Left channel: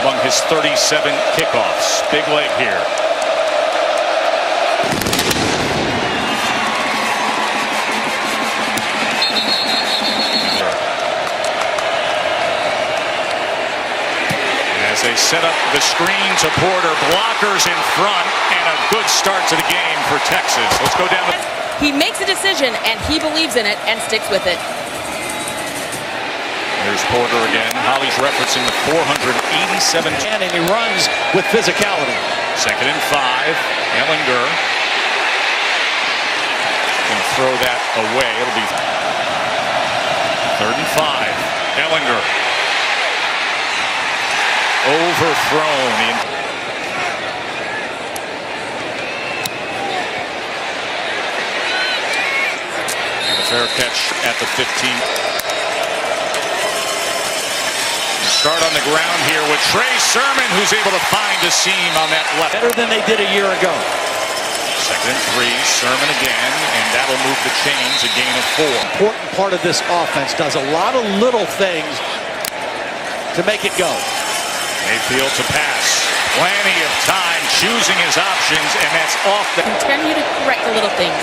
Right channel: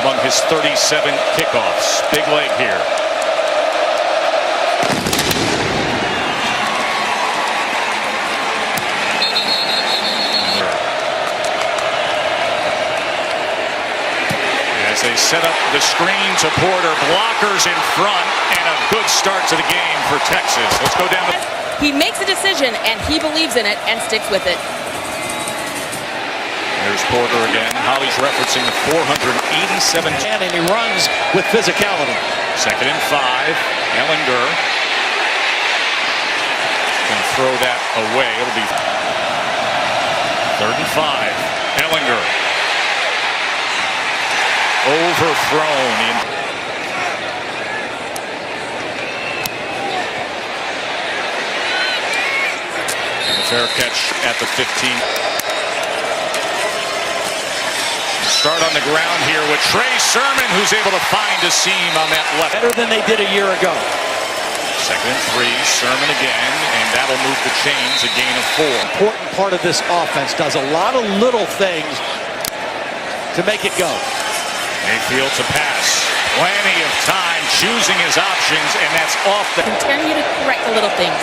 among his 37 kickoffs. Big leg here. As they set up the screen to Porter, blockers in front, and a good start to the game for Texas. Let's go down. He makes a decision, and he believes in it and sticks with it. There's Porter again. Holly's referencing the 487. And he runs with physicality. 2nd and 5. Ellinger. Going to throw that away. It'll be 3rd and 5. Ellinger. Overthrown. And a fair catch at the 15. Start on the ground here with Trey Sermon, who's able to find a seam on that left. Better than they did a year ago. 2nd and 3, Sermon again, and that'll move the chains, a gain of 4. Important part of this offense, does a lot of little things to make it go. Mayfield to pass. Plenty of time choosing his options, and that's off the... Continue to correct the little things.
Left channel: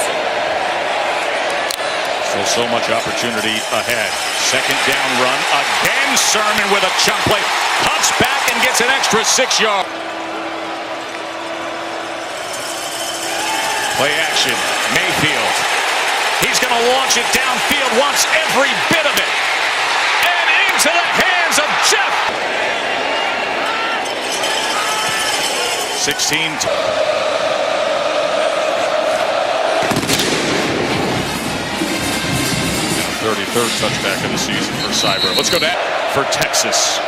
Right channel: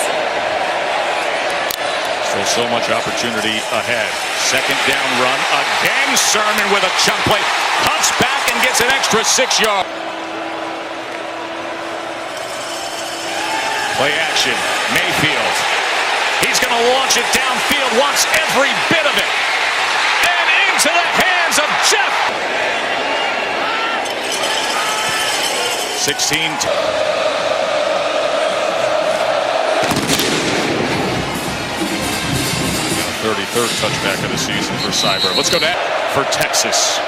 Still so much opportunity ahead. 2nd down run. Again, Sermon with a chunk play. Cuts back and gets an extra 6 yards. Play action. Mayfield. He's going to launch it downfield. Wants every bit of it. And into the hands of Jeff. 16. 33rd touchback of the season for Cyber. Let's go down for Texas.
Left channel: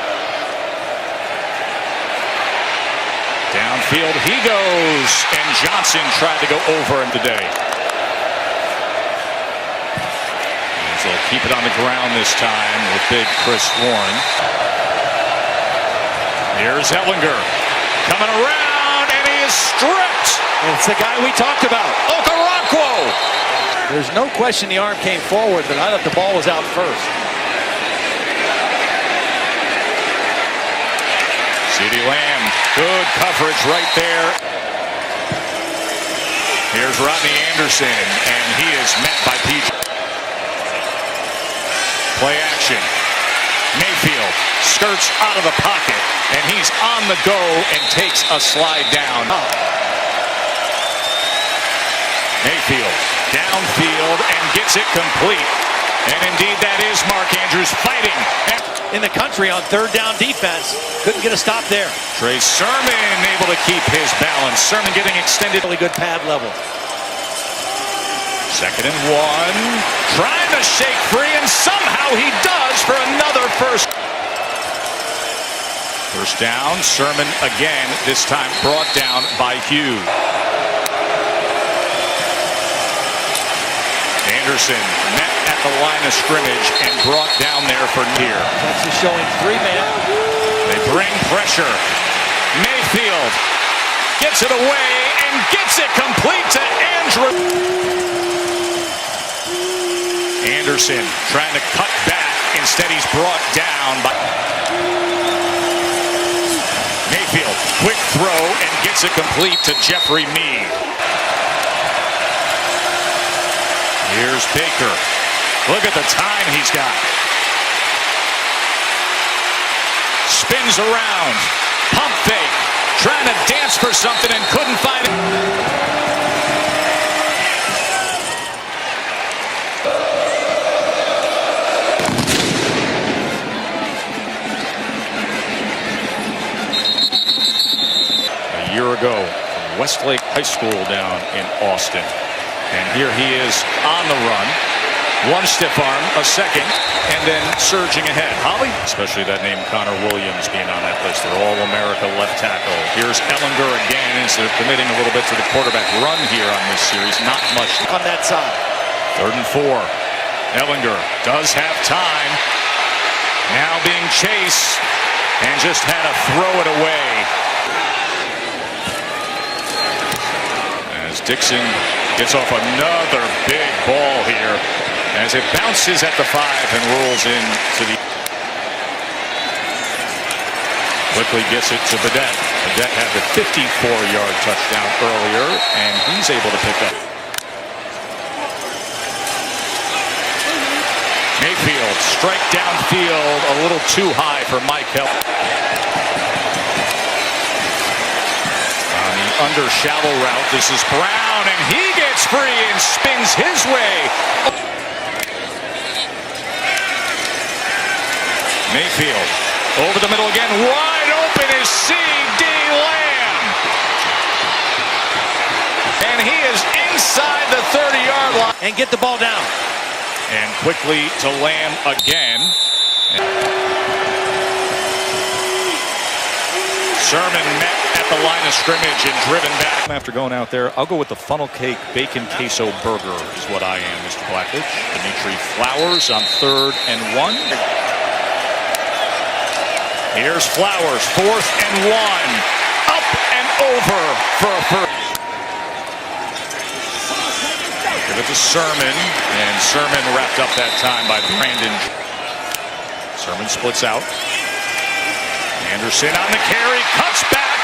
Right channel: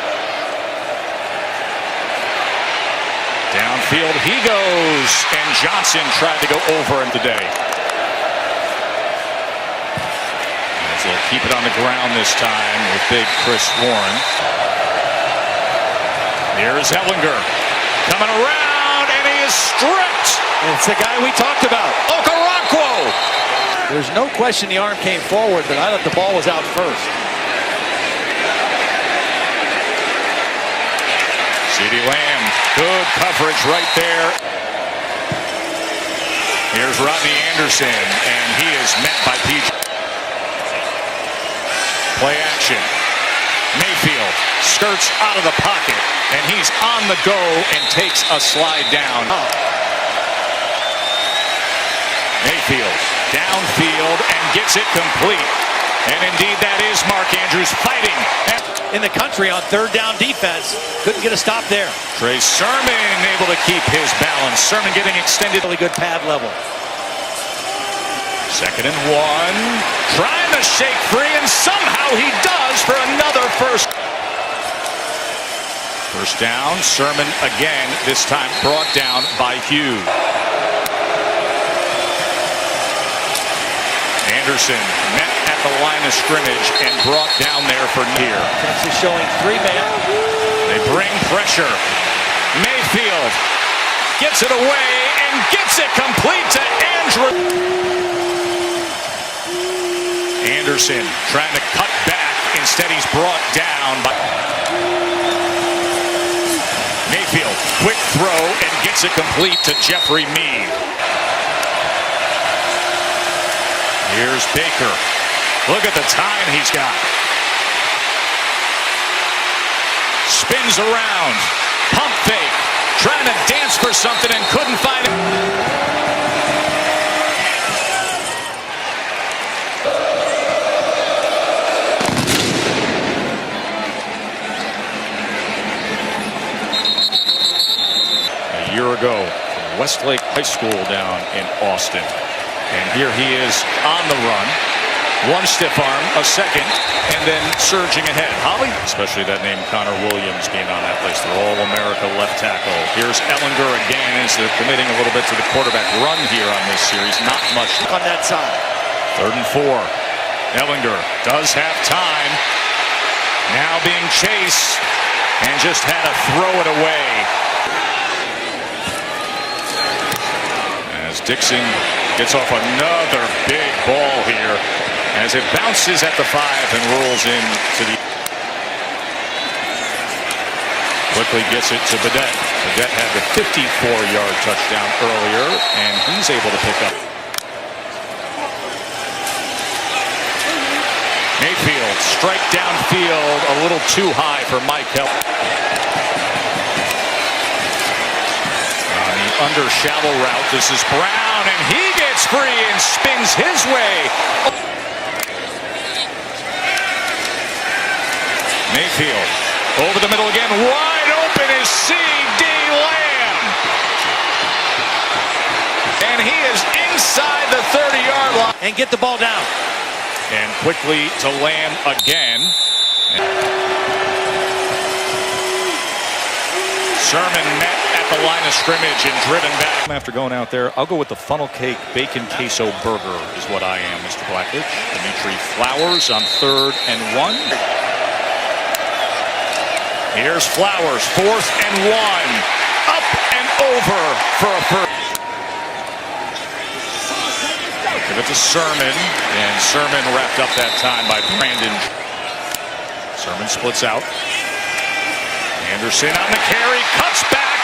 Downfield he goes, and Johnson tried to go over him today. And they'll keep it on the ground this time with big Chris Warren. Here's Ellinger coming around, and he is stripped. It's the guy we talked about, Okoronkwo. There's no question the arm came forward, but I thought the ball was out first. CeeDee Lamb, good coverage right there. Here's Rodney Anderson, and he is met by PJ. Play action. Mayfield skirts out of the pocket, and he's on the go and takes a slide down. Mayfield downfield and gets it complete. And indeed, that is Mark Andrews fighting. In the country on 3rd down defense. Couldn't get a stop there. Trey Sermon able to keep his balance. Sermon getting extended. Really good pad level. 2nd and 1. Trying to shake free, and somehow he does for another first. First down. Sermon again, this time brought down by Hughes. Anderson met at the line of scrimmage and brought down there for near. Texas showing 3-man. They bring pressure. Mayfield gets it away and gets it complete to Andrew. Anderson trying to cut back. Instead, he's brought down by Mayfield. Quick throw and gets it complete to Jeffrey Mead. Here's Baker. Look at the time he's got. Spins around. Pump fake. Trying to dance for something and couldn't find it. A year ago from Westlake High School down in Austin. And here he is on the run. One stiff arm, a second, and then surging ahead. Holly, especially that name Connor Williams being on that list. They're All-America left tackle. Here's Ellinger again as they're committing a little bit to the quarterback run here on this series. Not much on that side. 3rd and 4. Ellinger does have time. Now being chased and just had to throw it away. As Dixon gets off another big ball here as it bounces at the 5 and rolls into the... Quickly gets it to Badette. Badette had the 54-yard touchdown earlier, and he's able to pick up. Mayfield, strike downfield, a little too high for Mike Hill. On the under shallow route, this is Brown, and he gets free and spins his way. Mayfield over the middle again, wide open is C.D. Lamb. And he is inside the 30-yard line. And get the ball down. And quickly to Lamb again. Sermon met at the line of scrimmage and driven back. After going out there, I'll go with the funnel cake bacon queso burger is what I am, Mr. Blackledge. Dimitri Flowers on 3rd and 1. Here's Flowers, 4th and 1. Up and over for a first. Give it to Sermon, and Sermon wrapped up that time by Brandon. Sermon splits out. Anderson on the carry, cuts back,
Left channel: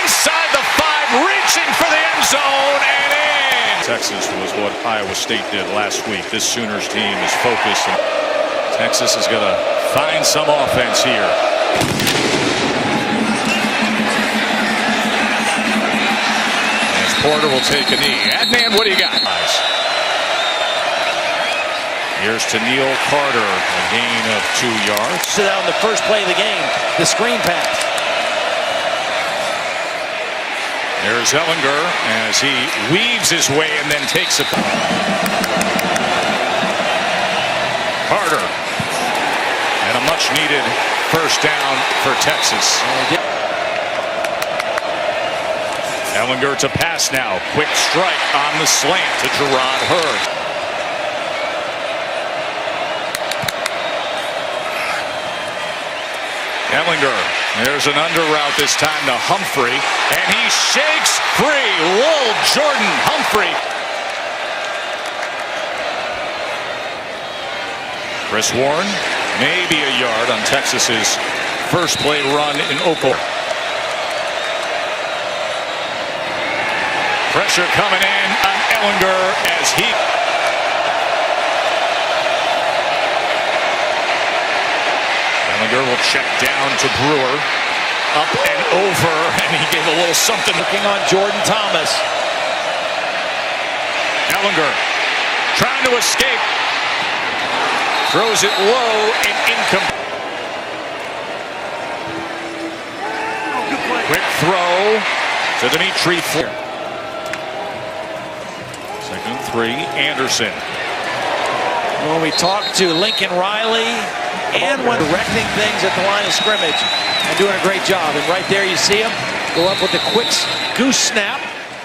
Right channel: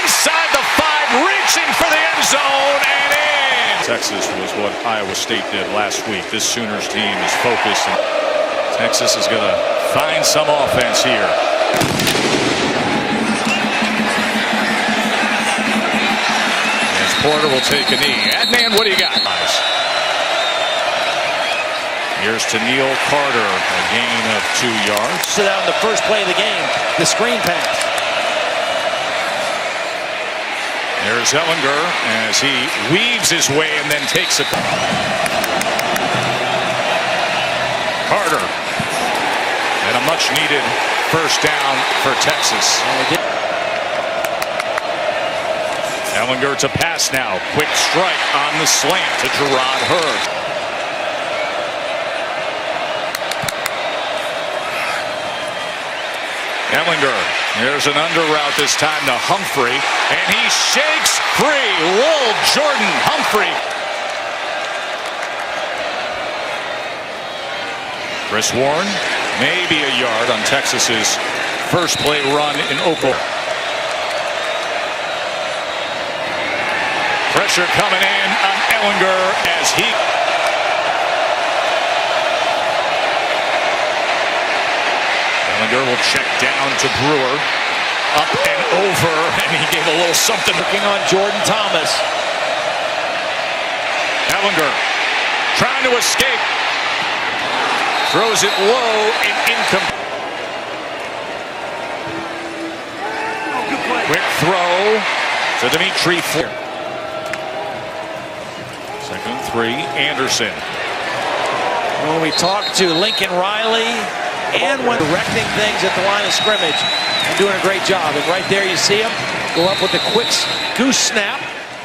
inside the 5, reaching for the end zone, and in! Texas was what Iowa State did last week. This Sooners team is focused, and Texas is going to find some offense here. As Porter will take a knee. Adnan, what do you got? Here's to Neil Carter, a gain of 2 yards. Sit out in the first play of the game, the screen pass. There's Ellinger as he weaves his way and then takes a... Carter. And a much-needed first down for Texas. Ellinger to pass now. Quick strike on the slant to Gerard Hurd. Ellinger, there's an under route this time to Humphrey, and he shakes free. Lil Jordan Humphrey. Chris Warren, maybe a yard on Texas's first play run in Oklahoma. Pressure coming in on Ellinger as he... Ellinger will check down to Brewer. Up and over, and he gave a little something. Looking on Jordan Thomas. Ellinger trying to escape. Throws it low and incomplete. Quick throw to Dimitri Fleur. 2nd and 3, Anderson. When we talked to Lincoln Riley and when directing things at the line of scrimmage and doing a great job. And right there you see him go up with a quick goose snap.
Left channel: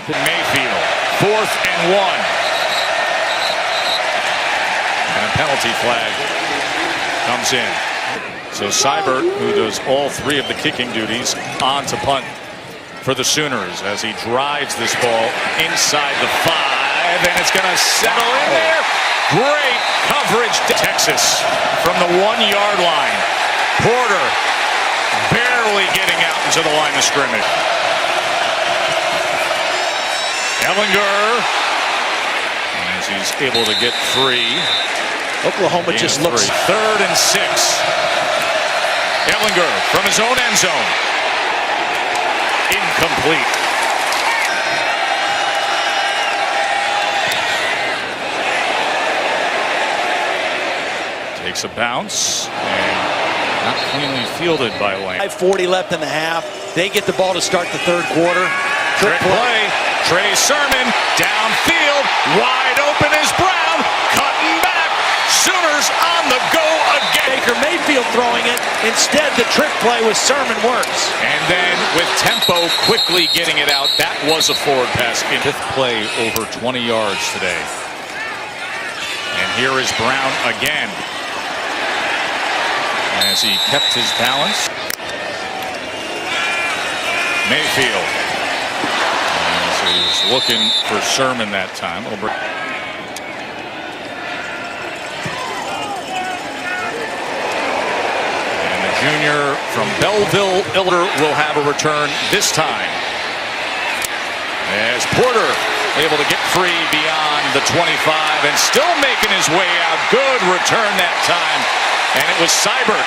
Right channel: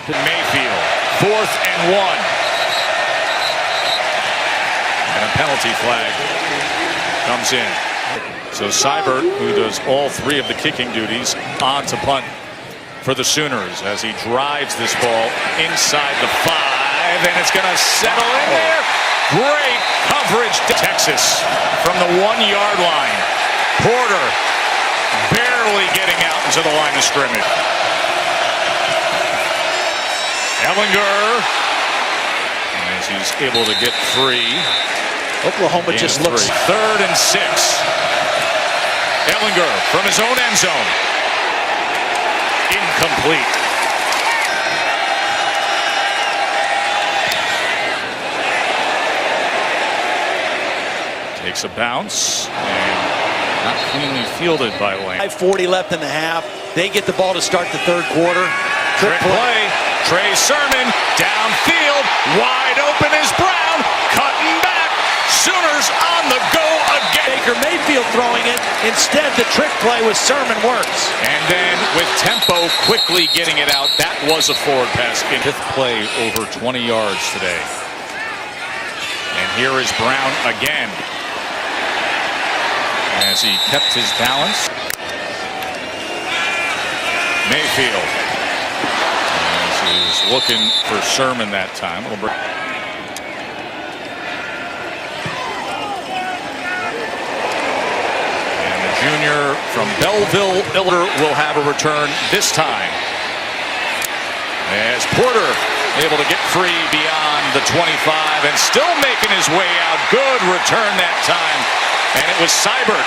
To Mayfield, 4th and 1. And a penalty flag comes in. So Seibert, who does all 3 of the kicking duties, on to punt for the Sooners as he drives this ball inside the 5, and it's going to settle in there. Great coverage. Texas from the 1-yard line. Porter barely getting out into the line of scrimmage. Ellinger, as he's able to get free. Oklahoma just looks... 3rd and 6. Ellinger from his own end zone. Incomplete. Takes a bounce and not cleanly fielded by Lamb. 5:40 left in the half. They get the ball to start the 3rd quarter. Trick play. Trey Sermon downfield. Wide open is Brown. Cutting back. Sooners on the go again. Baker Mayfield throwing it. Instead, the trick play with Sermon works. And then with tempo, quickly getting it out. That was a forward pass. In 5th play, over 20 yards today. And here is Brown again, as he kept his balance. Mayfield, as he was looking for Sermon that time. And the junior from Belleville, Illinois, will have a return this time. As Porter able to get free beyond the 25 and still making his way out. Good return that time. And it was Seibert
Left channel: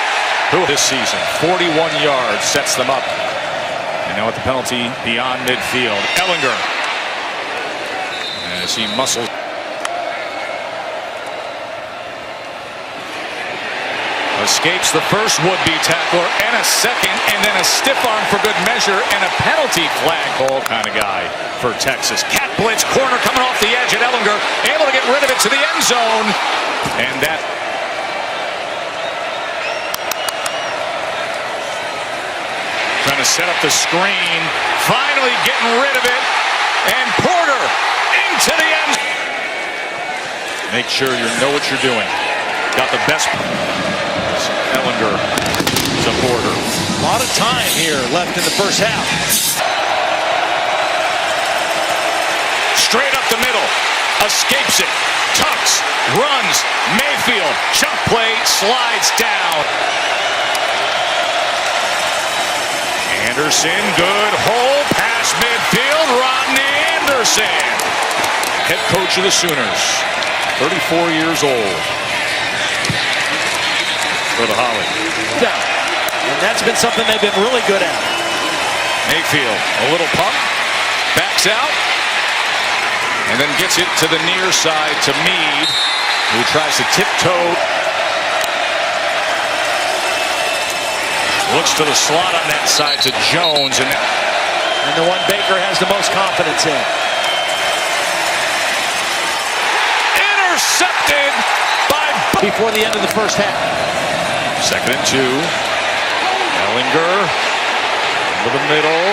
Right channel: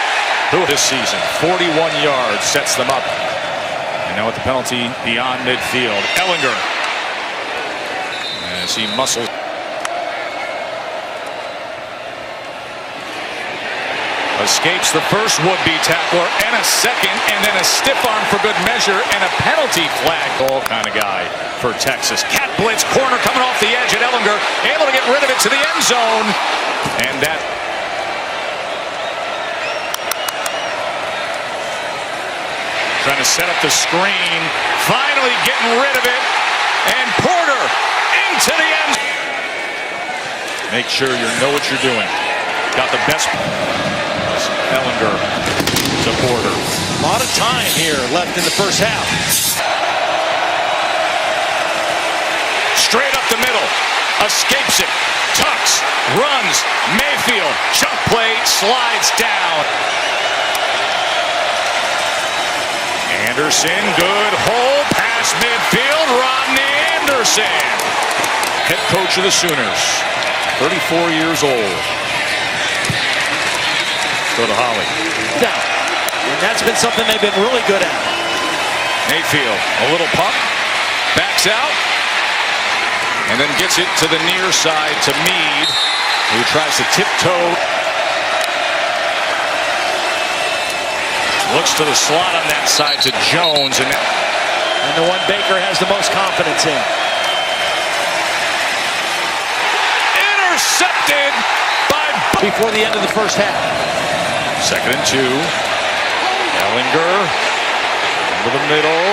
who this season, 41 yards, sets them up. And now with the penalty beyond midfield, Ellinger, as he muscles. Escapes the first would-be tackler and a second, and then a stiff arm for good measure and a penalty flag. Ball kind of guy for Texas. Cat blitz, corner coming off the edge at Ellinger, able to get rid of it to the end zone. And that trying to set up the screen, finally getting rid of it, and Porter into the end. Make sure you know what you're doing. Got the best. Ellinger to Porter. A lot of time here left in the first half. Straight up the middle, escapes it, tucks, runs, Mayfield, chunk play, slides down. Anderson, good hole, past midfield, Rodney Anderson. Head coach of the Sooners, 34 years old. Go to Holly. Down. And that's been something they've been really good at. Mayfield, a little pump, backs out, and then gets it to the near side to Meade, who tries to tiptoe. Looks to the slot on that side to Jones. And the one Baker has the most confidence in. Intercepted by before the end of the first half. 2nd and 2. Ellinger into the middle.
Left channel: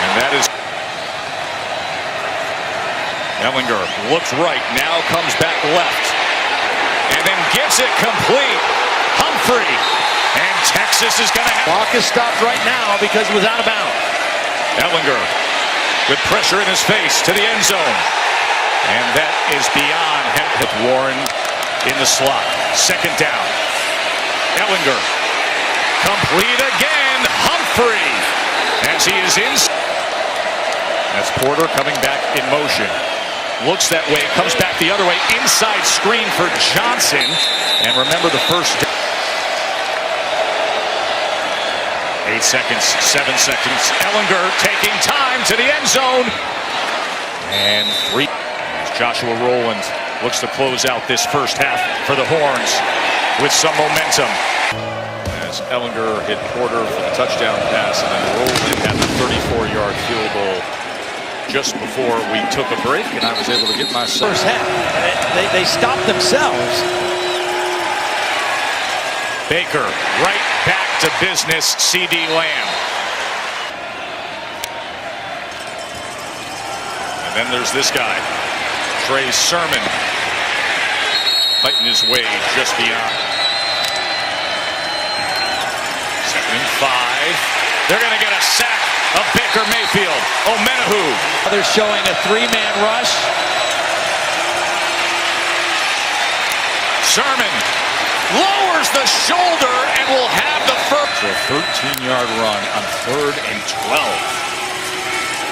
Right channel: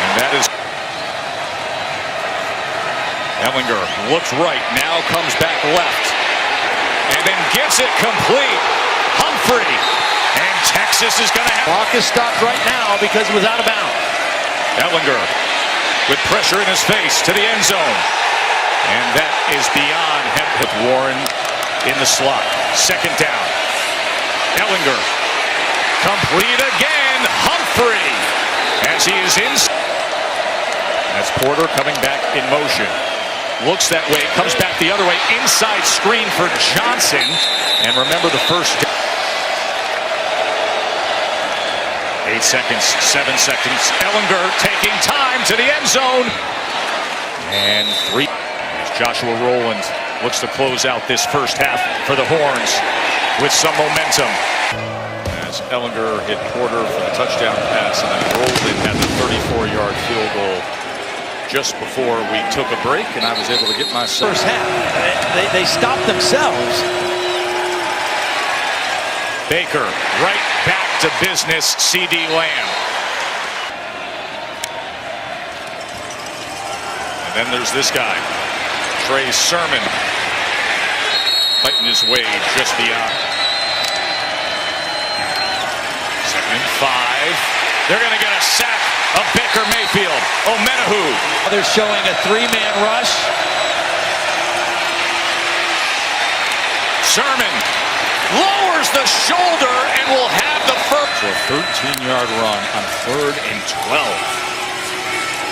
And that is Ellinger looks right, now comes back left. And then gets it complete. Humphrey. And Texas is going to have. Clock is stopped right now because it was out of bounds. Ellinger with pressure in his face to the end zone. And that is beyond him. Warren in the slot. 2nd down. Ellinger, complete again, Humphrey, as he is in. That's Porter coming back in motion. Looks that way, comes back the other way, inside screen for Johnson. And remember the first 8 seconds, 7 seconds. Ellinger taking time to the end zone. And 3. As Joshua Rowland looks to close out this first half for the Horns with some momentum. As Ellinger hit Porter for the touchdown pass, and then Rowland had the 34-yard field goal just before we took a break, and I was able to get my first half. They stopped themselves. Baker right back to business. CD Lamb. And then there's this guy, Trey Sermon, fighting his way just beyond. 2nd and 5. They're going to get a sack of Baker Mayfield. Omenahu. They're showing a 3-man rush. Sermon lowers the shoulder and will have the first. So a 13-yard run on 3rd and 12.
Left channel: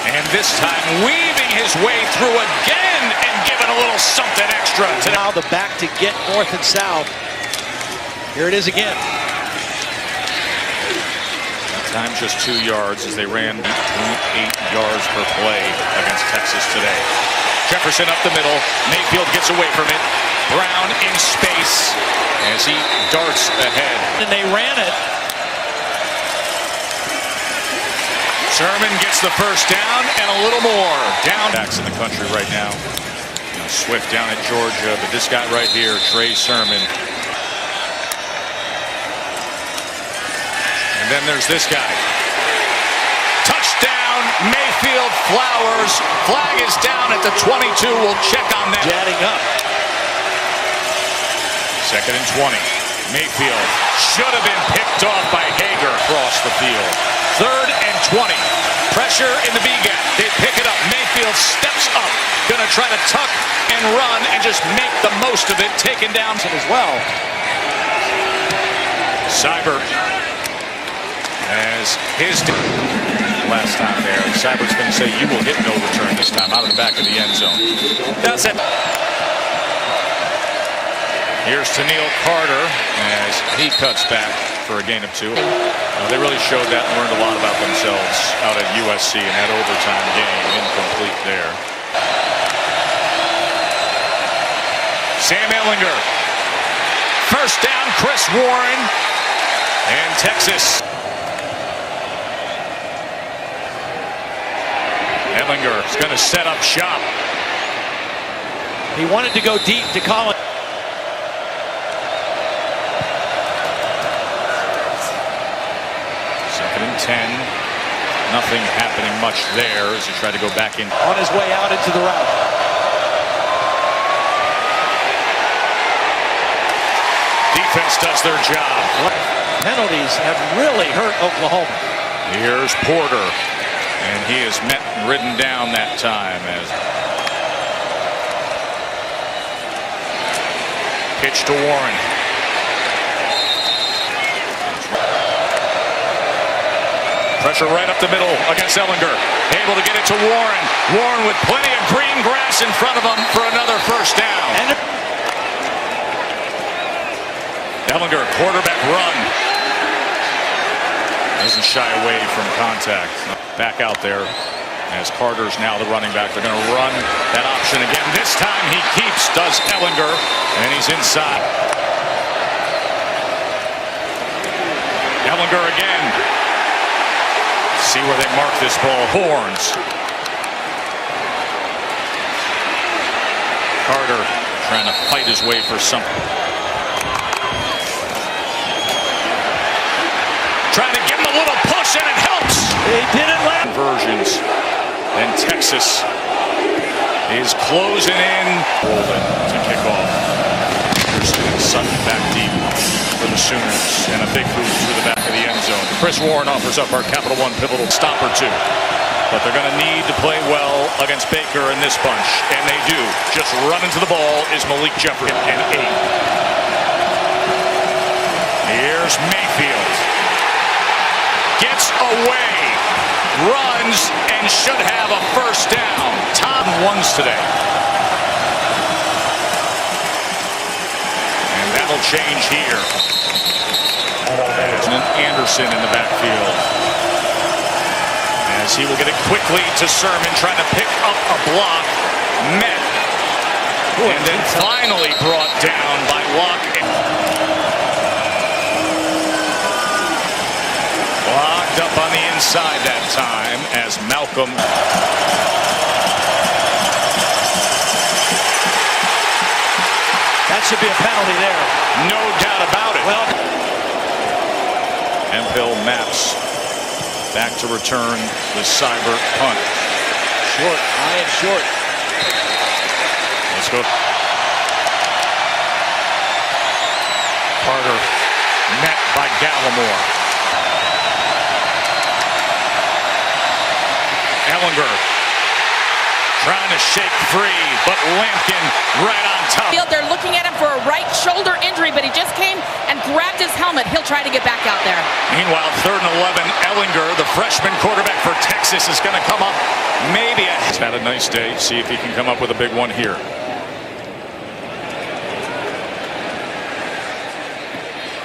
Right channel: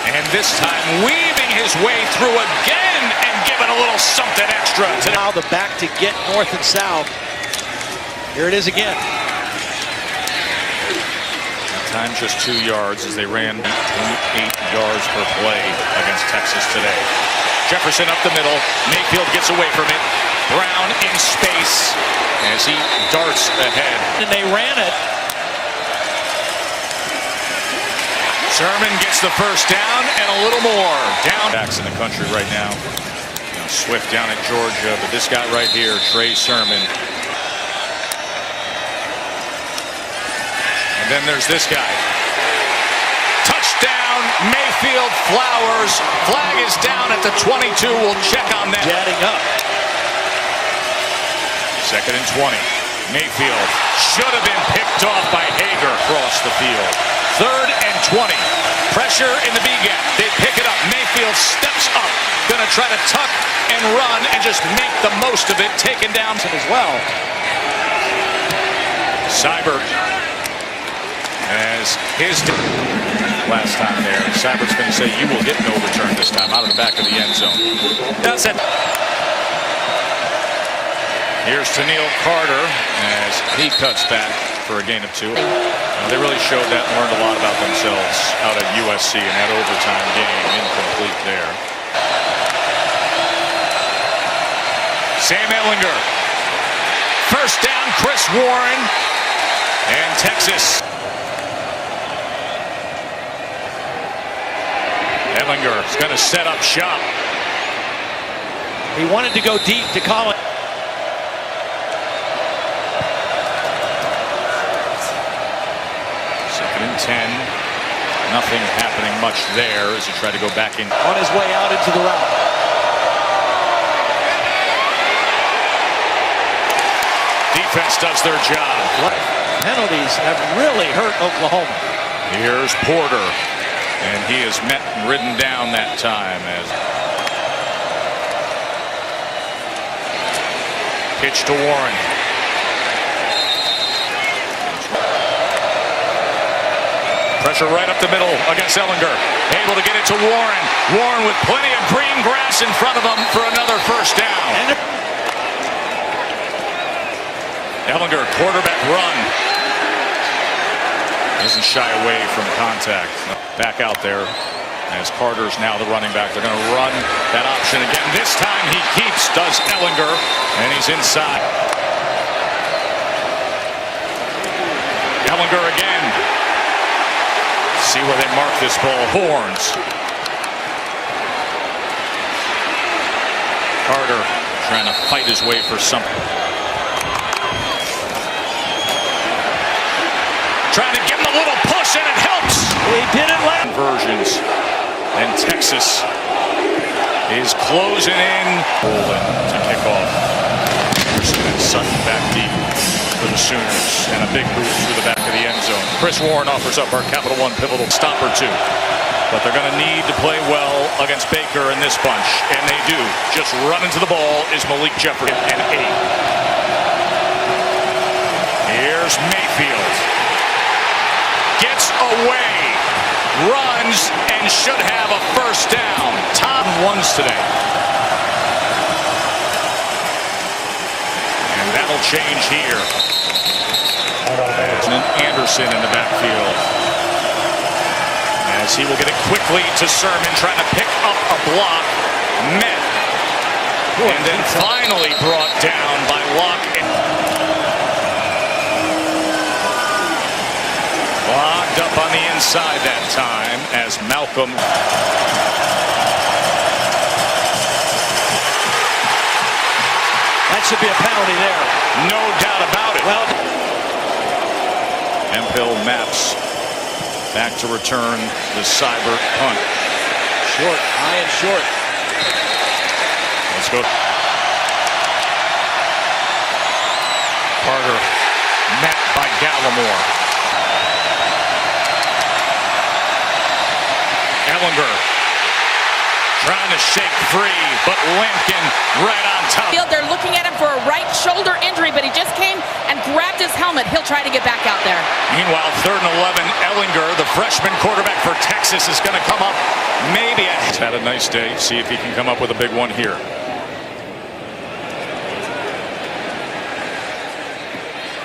And this time weaving his way through again and giving a little something extra. Now the back to get north and south. Here it is again. That time just 2 yards as they ran 8.8 yards per play against Texas today. Jefferson up the middle. Mayfield gets away from it. Brown in space as he darts ahead. And they ran it. Sermon gets the first down and a little more. Down. Backs in the country right now. You know, Swift down at Georgia, but this guy right here, Trey Sermon. And then there's this guy. Touchdown, Mayfield, Flowers. Flag is down at the 22. We'll check on that. Jetting up. 2nd and 20. Mayfield should have been picked off by Hager across the field. 3rd and 20. Pressure in the B gap. They pick it up. Mayfield steps up. Going to try to tuck and run and just make the most of it. Taken down as well. Seibert as his last time there. Seibert's going to say you will get no return this time out of the back of the end zone. That's it. Here's to Neil Carter as he cuts back for a gain of 2. They really showed that and learned a lot about themselves out at USC in that overtime game. Incomplete there. Sam Ehlinger. First down, Chris Warren. And Texas. Ehlinger is going to set up shop. He wanted to go deep to Collins. Second and 10. Nothing happening much there as he tried to go back in. On his way out into the route. Defense does their job. Penalties have really hurt Oklahoma. Here's Porter. And he is met and ridden down that time as pitch to Warren. Pressure right up the middle against Ehlinger. Able to get it to Warren. Warren with plenty of green grass in front of him for another first down. Ehlinger, quarterback run. Doesn't shy away from contact. Back out there as Carter's now the running back. They're going to run that option again. This time he keeps, does Ehlinger, and he's inside. Ehlinger again. See where they mark this ball. Horns. Carter trying to fight his way for something. Trying to give him a little push, and it helps. He didn't land. Conversions. And Texas is closing in. Rolling to kick off. Anderson and Sutton back deep for the Sooners. And a big boot through the back of the end zone. Chris Warren offers up our Capital One pivotal stop or two. But they're going to need to play well against Baker in this bunch. And they do. Just running to the ball is Malik Jefferson and 8. Here's Mayfield. Gets away, runs, and should have a first down. Top ones today. And that'll change here. As Anderson in the backfield. As he will get it quickly to Sermon, trying to pick up a block. Met. And then finally brought down by Locke. Locked up on the inside that time as Malcolm. That should be a penalty there. No doubt about it. Well, Hemphill maps back to return the Seibert punt. Short, high and short. Let's go. Carter met by Gallimore. Ehlinger trying to shake free, but Lampkin right on top. They're looking at him for a right shoulder injury, but he just came and grabbed his helmet. He'll try to get back out there. Meanwhile, 3rd and 11, Ehlinger, the freshman quarterback for Texas, is going to come up maybe. He's had a nice day. See if he can come up with a big one here.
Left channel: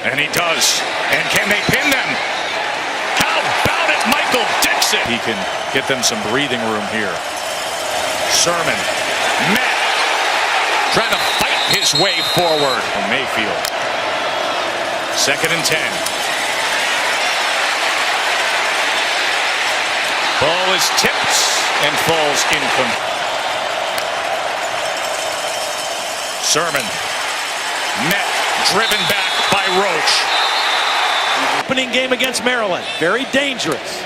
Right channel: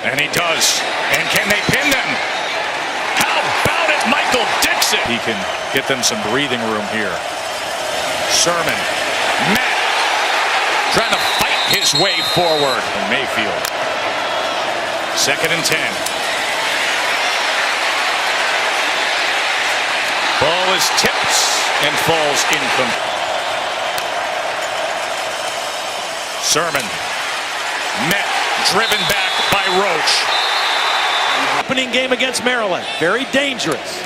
And he does. And can they pin them? How about it, Michael Dixon? He can get them some breathing room here. Sermon, Matt, trying to fight his way forward from Mayfield. 2nd and 10. Ball is tipped and falls incomplete. Sermon, met, driven back by Roach. Opening game against Maryland, very dangerous.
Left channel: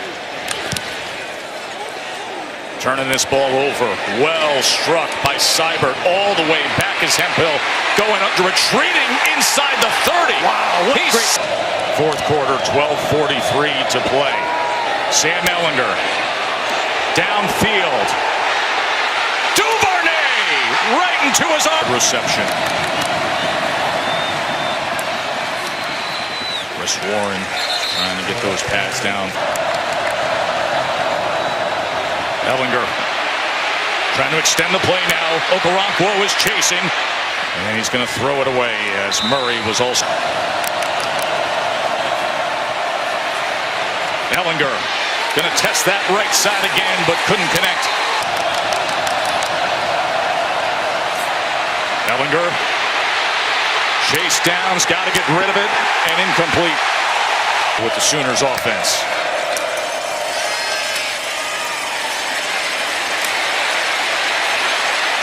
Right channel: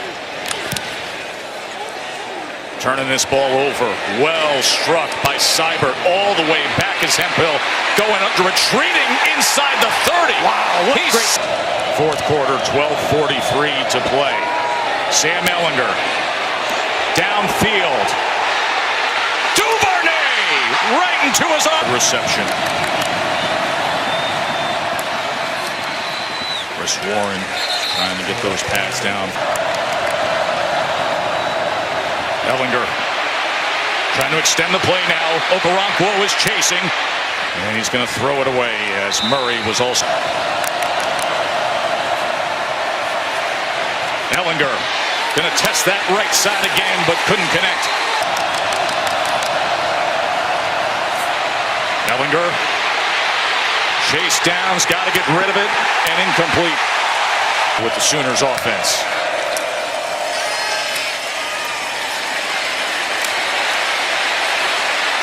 Turning this ball over. Well struck by Seibert. All the way back is Hemphill. Going under, retreating inside the 30. Wow, what great. 4th quarter, 12:43 to play. Sam Ehlinger. Downfield. Duvernay! Right into his arm. Reception. Chris Warren trying to get those pads down. Ellinger trying to extend the play now. Okoronkwo is chasing, and he's going to throw it away as Murray was also. Ellinger going to test that right side again, but couldn't connect. Ellinger, chase downs, got to get rid of it, and incomplete with the Sooners offense.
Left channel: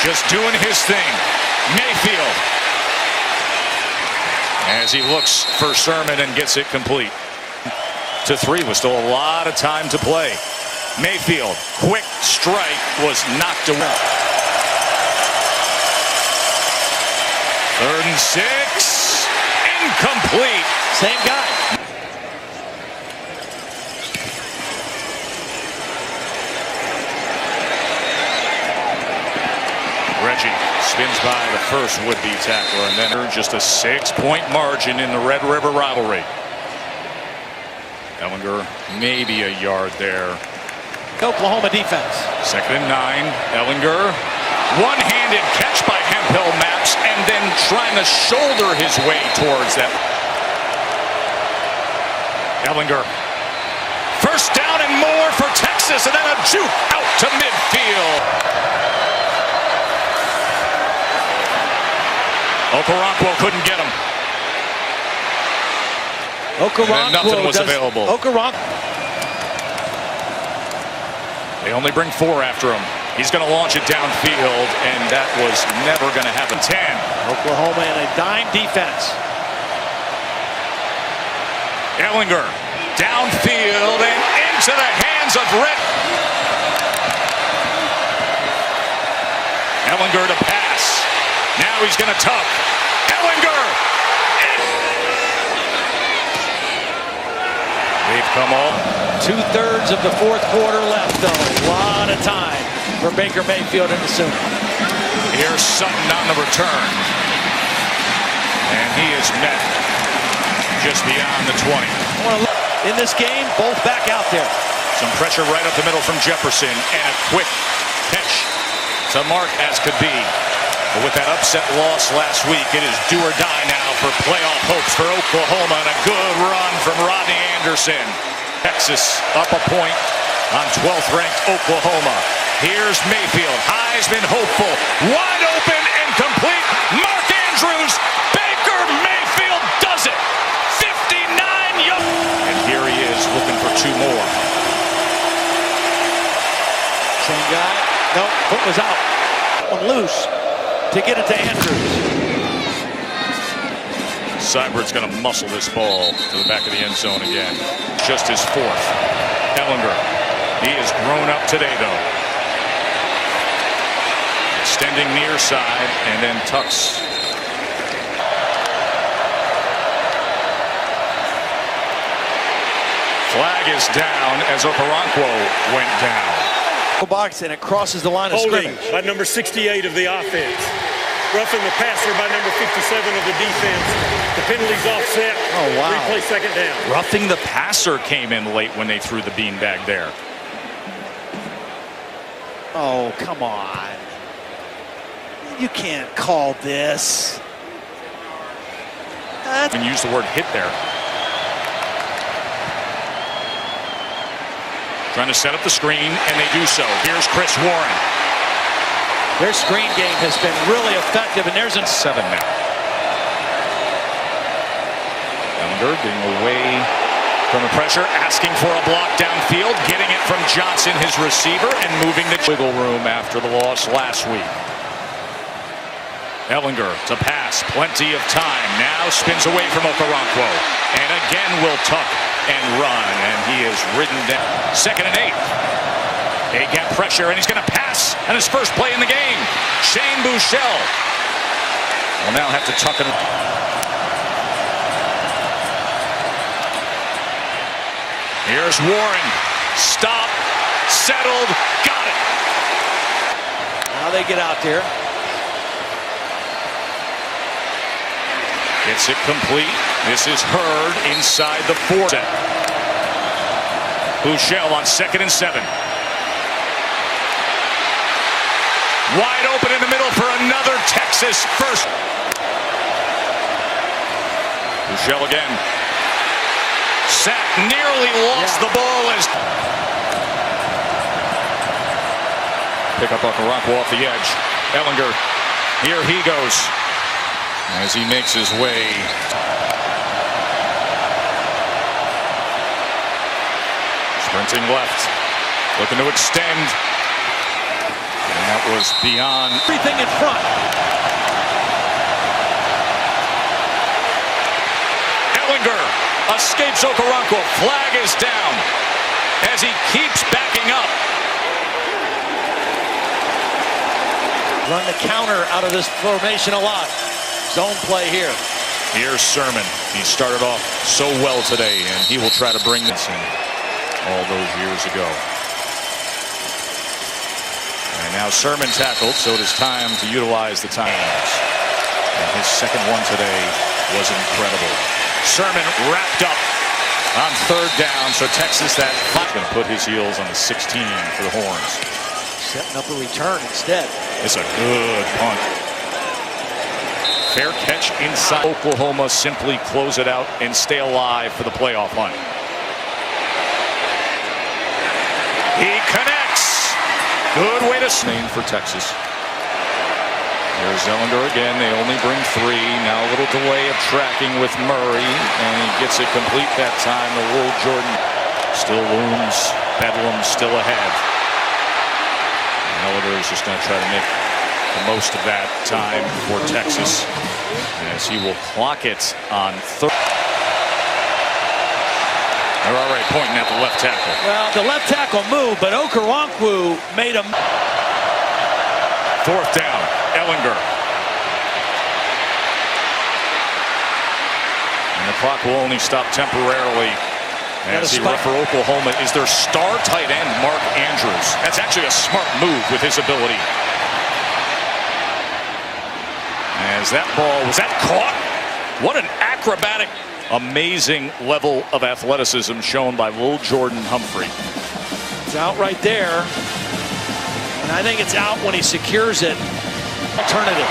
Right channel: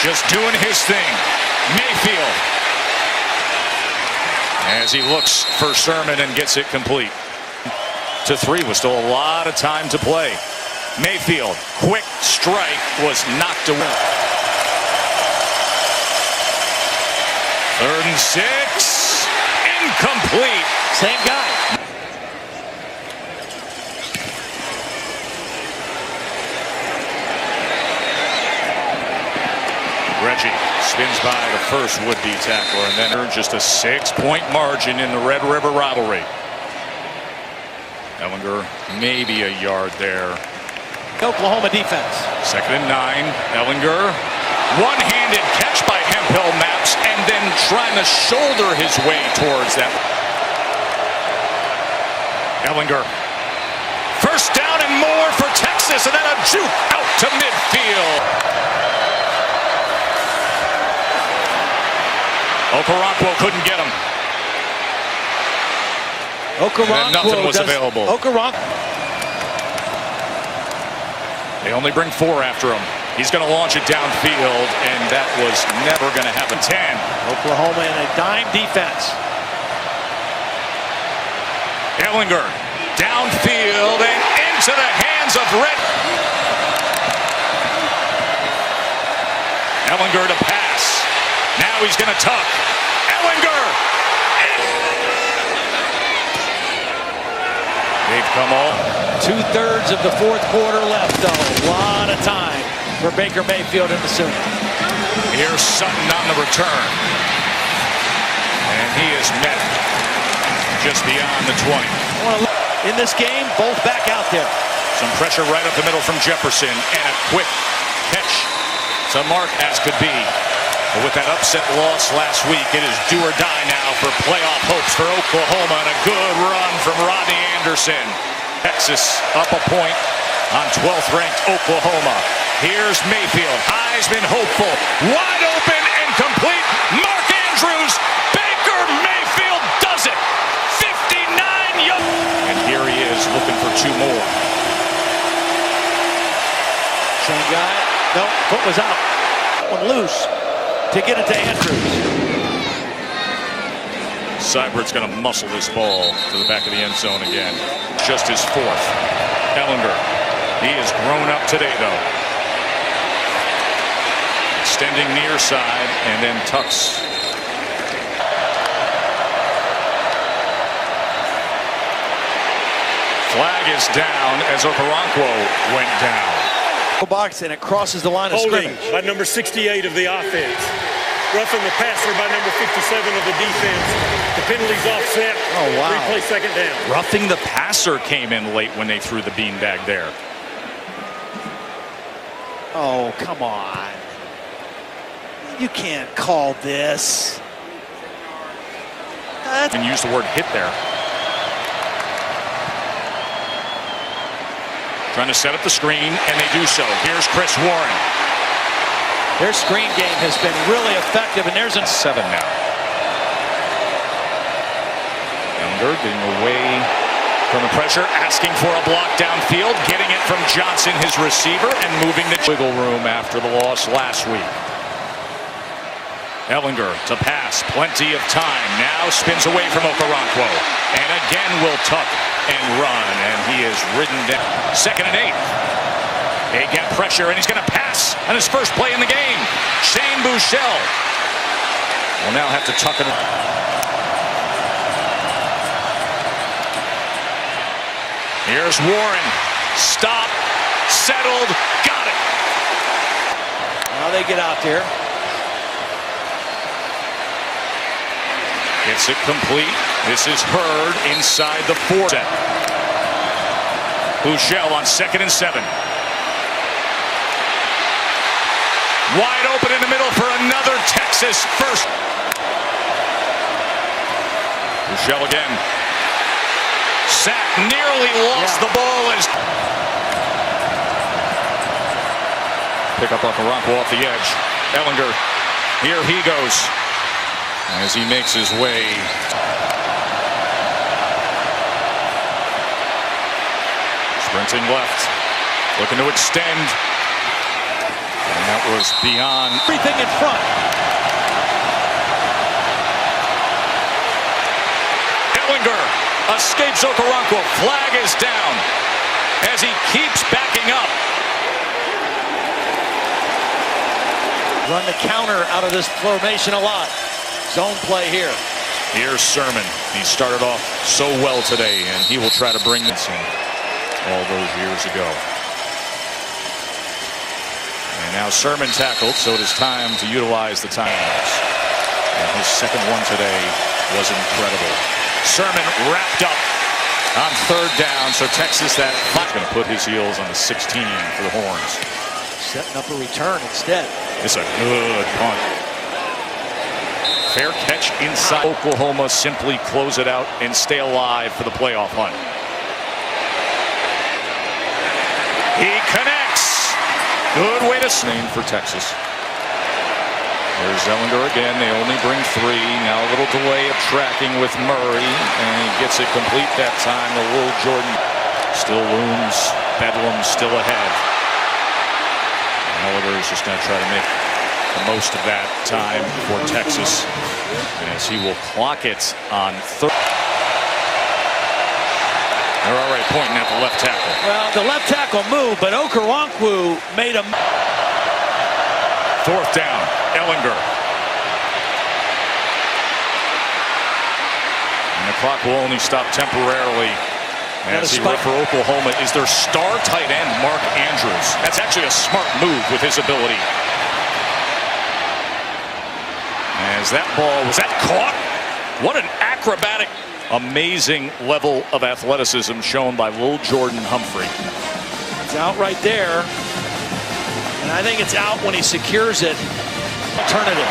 Just doing his thing. Mayfield, as he looks for Sermon and gets it complete. To 3 with still a lot of time to play. Mayfield, quick strike, was knocked away. 3rd and 6, incomplete. Same guy. Reggie spins by the first would-be tackler, and then just a 6-point margin in the Red River rivalry. Ellinger maybe a yard there. Oklahoma defense. 2nd and 9. Ellinger, one-handed catch by Hemphill Maps, and then trying to shoulder his way towards that. Ellinger, first down and more for Texas, and then a juke out to midfield. Okoronkwo couldn't get him. Okoronkwo, nothing was available. They only bring 4 after him. He's going to launch it downfield, and that was never going to happen. 10. Oklahoma in a dime defense. Ellinger downfield and into the hands of Red. Ellinger to pass. Now he's going to tuck. Ellinger. They've come all. 2/3 of the 4th quarter left, though. A lot of time for Baker Mayfield and the Sooners. Here's Sutton on the return. And he is met just beyond the 20. In this game, both back out there. Some pressure right up the middle from Jefferson, and a quick catch to mark as could be. But with that upset loss last week, it is do or die now for playoff hopes for Oklahoma, and a good run from Rodney Anderson. Texas up a point on 12th ranked Oklahoma. Here's Mayfield, Heisman hopeful, wide open and complete. Mark Andrews, Baker Mayfield does it. 59 yards. And here he is looking for 2 more. Same guy. No, foot was out. That one loose to get it to Andrews. Seibert's going to muscle this ball to the back of the end zone again. Just his 4th. Ellinger, he has grown up today, though. Extending near side and then tucks. Flag is down as Okoronkwo went down. Box, and it crosses the line of Holding scrimmage. by number 68 of the offense. Roughing the passer by number 57 of the defense. The penalty's offset. Oh, wow. Replay 2nd down. Roughing the passer came in late when they threw the beanbag there. Oh, come on. You can't call this. And use the word hit there. Trying to set up the screen, and they do so. Here's Chris Warren. Their screen game has been really effective, and there's a 7 now. Ellinger getting away from the pressure, asking for a block downfield, getting it from Johnson, his receiver, and moving the wiggle room after the loss last week. Ellinger to pass, plenty of time. Now spins away from Okoronkwo, and again will tuck and run, and he is ridden down. 2nd and 8. A-gap pressure, and he's going to pass on his first play in the game. Shane Buechele will now have to tuck it. Here's Warren. Stop. Settled. Got it. Now they get out there. Gets it complete. This is Hurd inside the 4 set. Huschel on 2nd and 7. Wide open in the middle for another Texas first. Huschel again. Sack, nearly lost the ball as pick up Okoronkwo off the edge. Ellinger, here he goes as he makes his way. Sprinting left, looking to extend, and that was beyond everything in front. Ellinger escapes Okoronkwo. Flag is down as he keeps backing up. Run the counter out of this formation a lot. Zone play here. Here's Sermon. He started off so well today, and he will try to bring this in all those years ago. And now Sermon tackled, so it is time to utilize the times. And his second one today was incredible. Sermon wrapped up on 3rd down, so Texas that going to put his heels on the 16 for the Horns. Setting up a return instead. It's a good punt. Fair catch inside. Oklahoma simply close it out and stay alive for the playoff hunt. He connects. Good way to name for Texas. There's Ellinger again. They only bring 3. Now a little delay of tracking with Murray, and he gets it complete that time. The little Jordan still looms. Bedlam still ahead. Ellinger is just going to try to make the most of that time for Texas as he will clock it on 3rd. They're already pointing at the left tackle. Well, the left tackle moved, but Okoronkwo made him. 4th down, Ellinger. And the clock will only stop temporarily as he ref for Oklahoma is their star tight end, Mark Andrews. That's actually a smart move with his ability. As that ball, was that caught? What an acrobatic, amazing level of athleticism shown by Lil Jordan Humphrey. It's out right there. And I think it's out when he secures it. Alternative.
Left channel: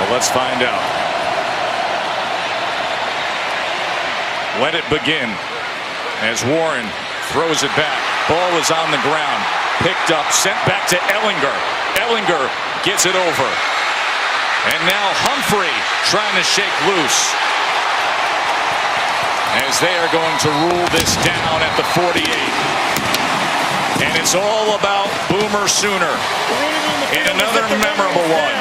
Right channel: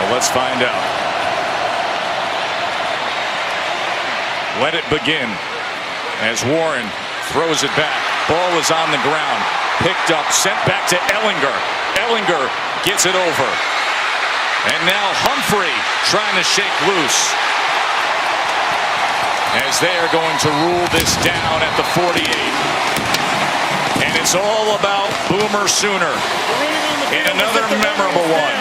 Well, let's find out. Let it begin as Warren throws it back. Ball is on the ground. Picked up, sent back to Ellinger. Ellinger gets it over. And now Humphrey trying to shake loose as they are going to rule this down at the 48. And it's all about Boomer Sooner in another memorable one.